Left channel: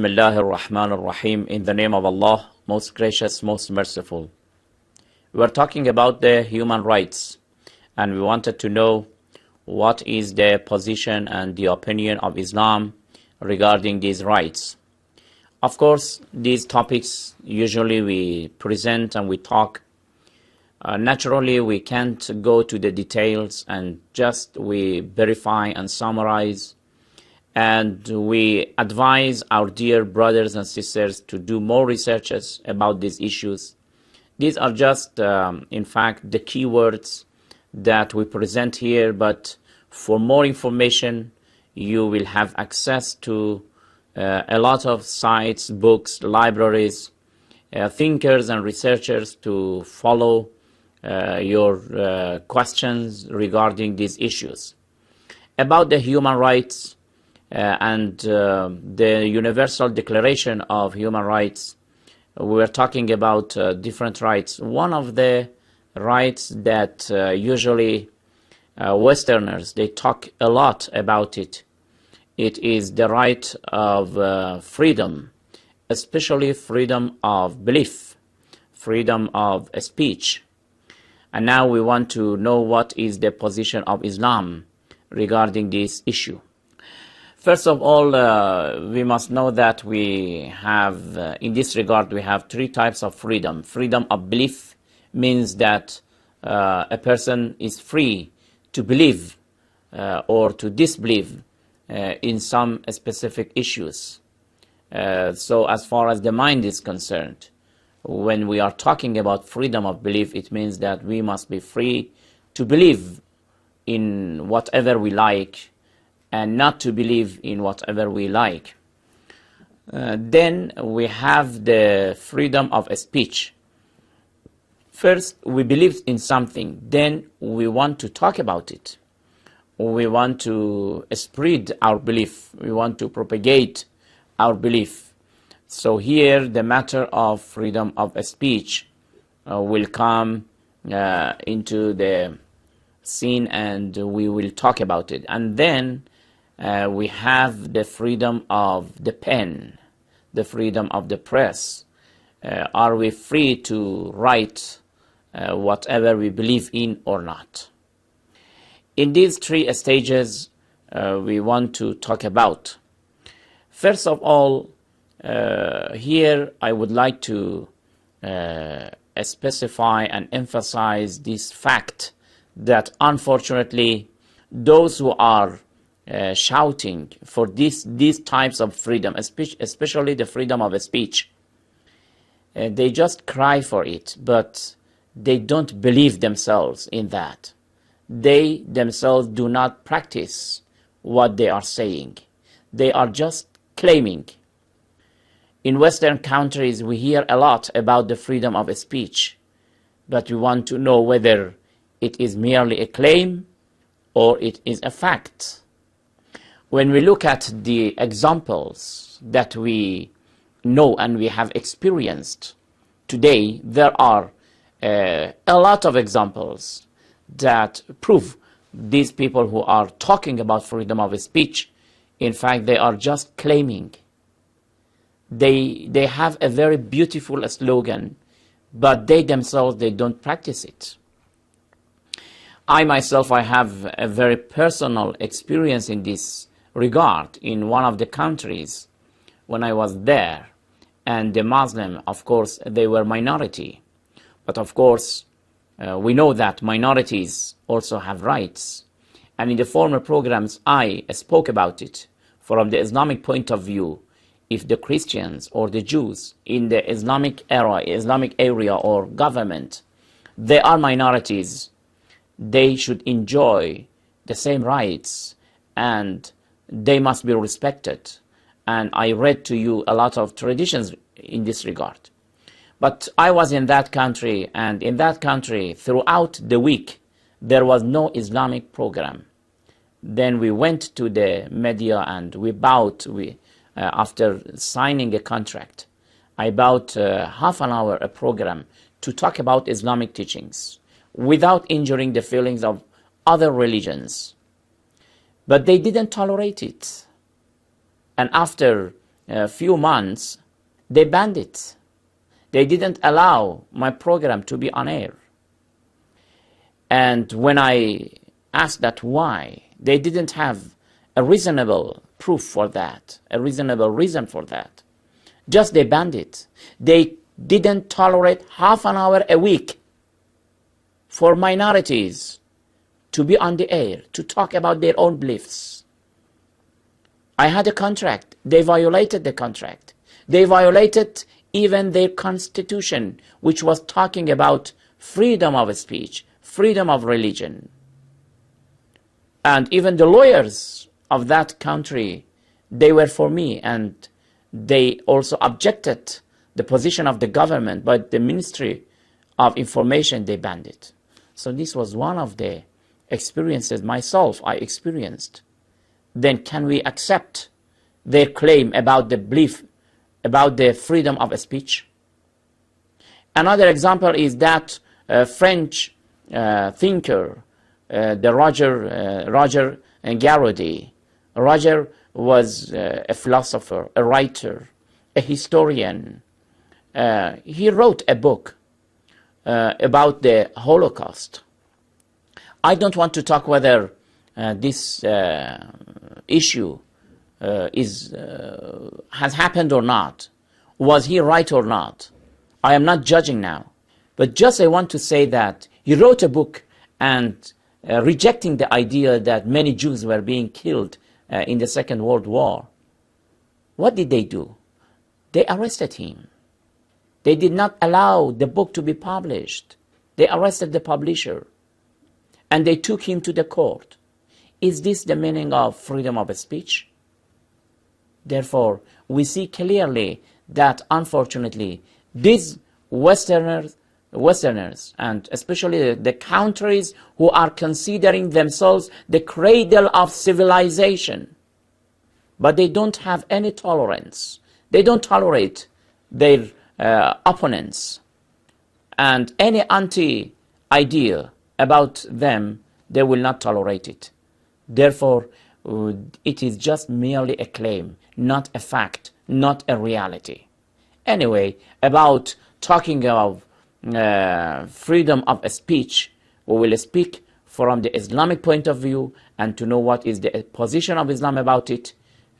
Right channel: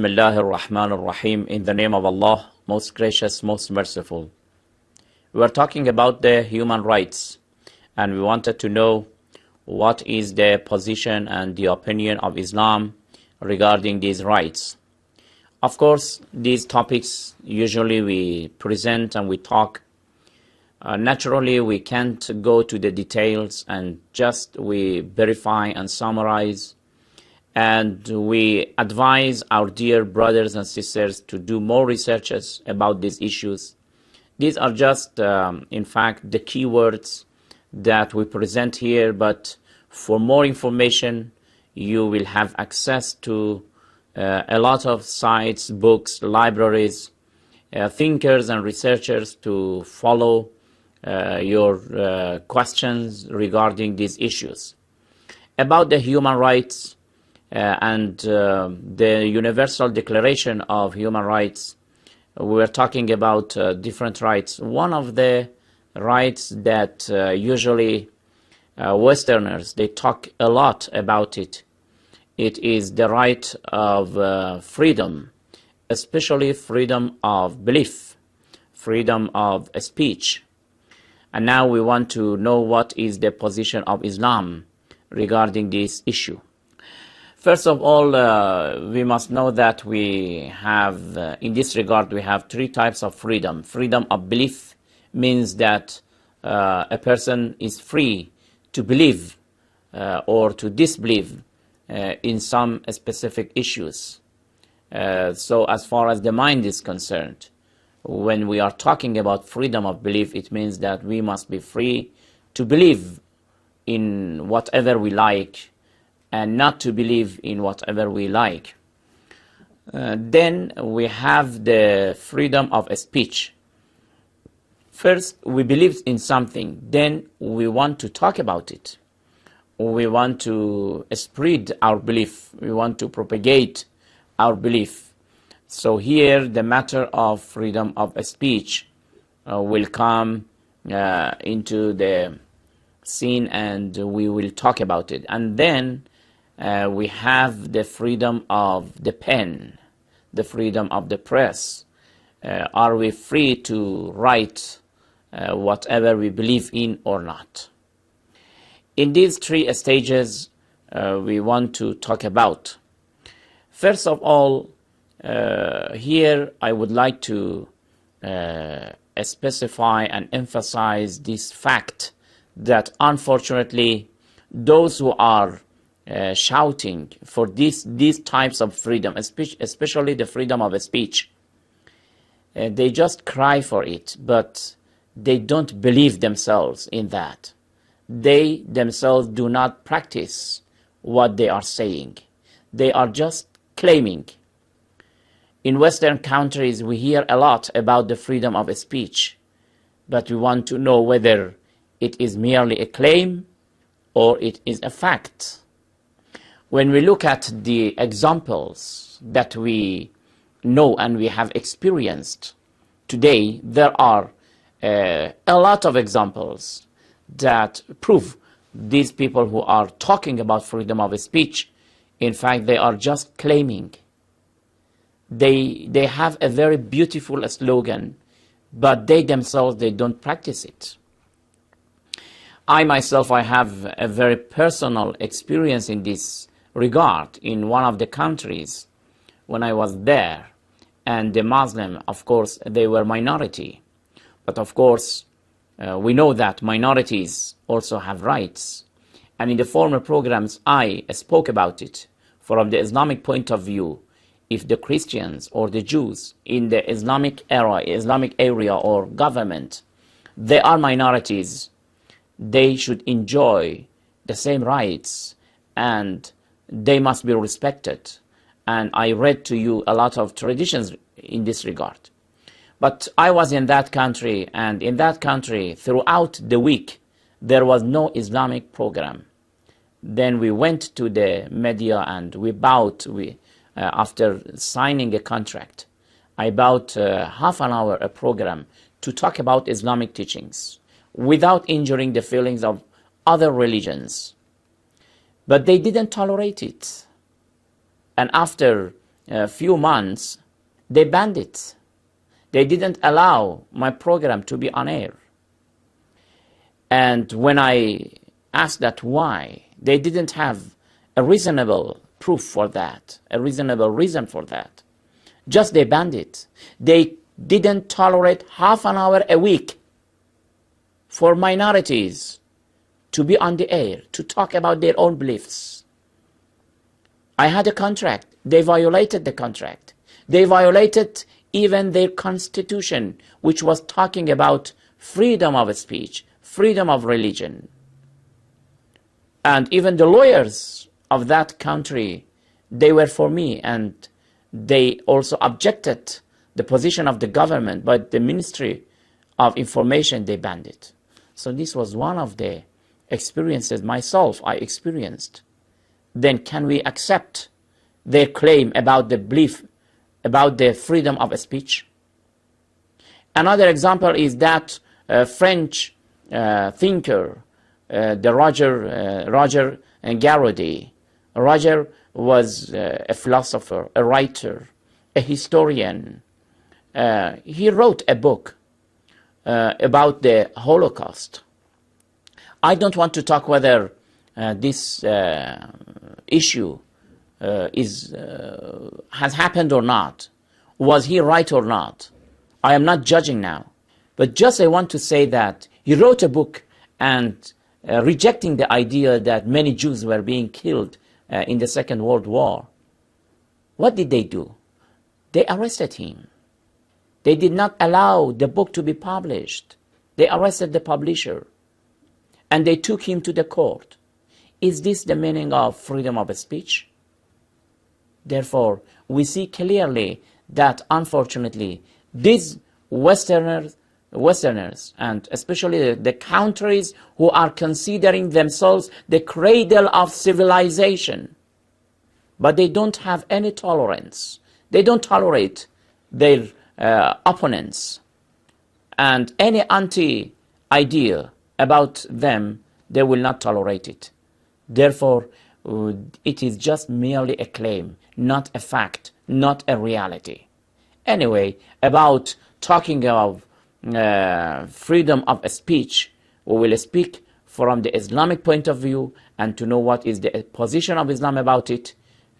Bismillah ar-Rahman ar-Rahim. In the name of Allah, most gracious, most merciful. We are talking about the human rights, and we wanted to know what is the position and the opinion of Islam regarding these rights. Of course, these topics usually we present and we talk. Naturally, we can't go to the details, and just we verify and summarize. And we advise our dear brothers and sisters to do more researches about these issues. These are just, in fact, the keywords that we present here, but for more information, you will have access to a lot of sites, books, libraries, thinkers and researchers to follow your questions regarding these issues. About the human rights, and the Universal Declaration of Human Rights, we're talking about different rights. One of the rights that usually Westerners, they talk a lot about it. It is the right of freedom, especially freedom of belief, freedom of speech. And now we want to know what is the position of Islam regarding this issue. First of all, we must know that we have, in this regard, we have three types of freedom. Freedom of belief means that a person is free to believe or to disbelieve in some specific issues. So as far as the mind is concerned, when we are talking about freedom of belief, it means that we must be free to believe in whatever we like, and not to believe in whatever we like. Then we have the freedom of speech. First, we believe in something, then we want to talk about it. We want to spread our belief. We want to propagate our belief. So here, the matter of freedom of speech will come into the scene, and we will talk about it. And then we have the freedom of the pen, the freedom of the press. Are we free to write whatever we believe in or not? In these three stages, we want to talk about. First of all, here I would like to specify and emphasize this fact that unfortunately those who are shouting for these types of freedom, especially the freedom of speech, they just cry for it, but they don't believe themselves in that. They themselves do not practice what they are saying. They are just claiming. In Western countries, we hear a lot about the freedom of speech, but we want to know whether it is merely a claim or it is a fact. When we look at the examples that we know and we have experienced today, there are a lot of examples that prove these people who are talking about freedom of speech, in fact, they are just claiming. They have a very beautiful slogan, but they themselves, they don't practice it. I myself, I have a very personal experience in this regard. In one of the countries when I was there, and the Muslim, of course, they were minority, but of course we know that minorities also have rights, and in the former programs I spoke about it. From the Islamic point of view, if the Christians or the Jews in the Islamic area or government, they are minorities, they should enjoy the same rights and they must be respected. And I read to you a lot of traditions in this regard. But I was in that country, and in that country, throughout the week, there was no Islamic program. Then we went to the media and we bought, after signing a contract, I bought half an hour a program to talk about Islamic teachings without injuring the feelings of other religions. But they didn't tolerate it. And after few months, they banned it. They didn't allow my program to be on air. And when I asked that why, they didn't have a reasonable proof for that, a reasonable reason for that. Just they banned it. They didn't tolerate half an hour a week for minorities to be on the air, to talk about their own beliefs. I had a contract. They violated the contract. They violated even their constitution, which was talking about freedom of speech, freedom of religion. And even the lawyers of that country, they were for me, and they also objected the position of the government, but the Ministry of Information, they banned it. So this was one of the experiences myself I experienced. Then can we accept their claim about the belief, about the freedom of speech? Another example is that French thinker, the Roger Garaudy. Roger was a philosopher, a writer, a historian. He wrote a book about the Holocaust. I don't want to talk whether this issue has happened or not. Was he right or not? I am not judging now. But just I want to say that he wrote a book and rejecting the idea that many Jews were being killed in the Second World War. What did they do? They arrested him. They did not allow the book to be published. They arrested the publisher and they took him to the court. Is this the meaning of freedom of speech? Therefore, we see clearly that unfortunately these Westerners, and especially the countries who are considering themselves the cradle of civilization, but they don't have any tolerance. They don't tolerate their opponents, and any anti-idea about them, they will not tolerate it. Therefore, it is just merely a claim, not a fact, not a reality. Anyway, about talking of freedom of speech, we will speak from the Islamic point of view and to know what is the position of Islam about it.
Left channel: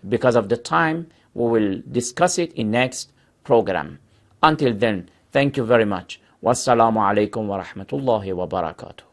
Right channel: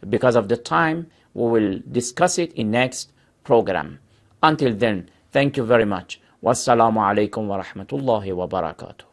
Because of the time, we will discuss it in next program. Until then, thank you very much. Wassalamu alaikum wa rahmatullahi wa barakatuh.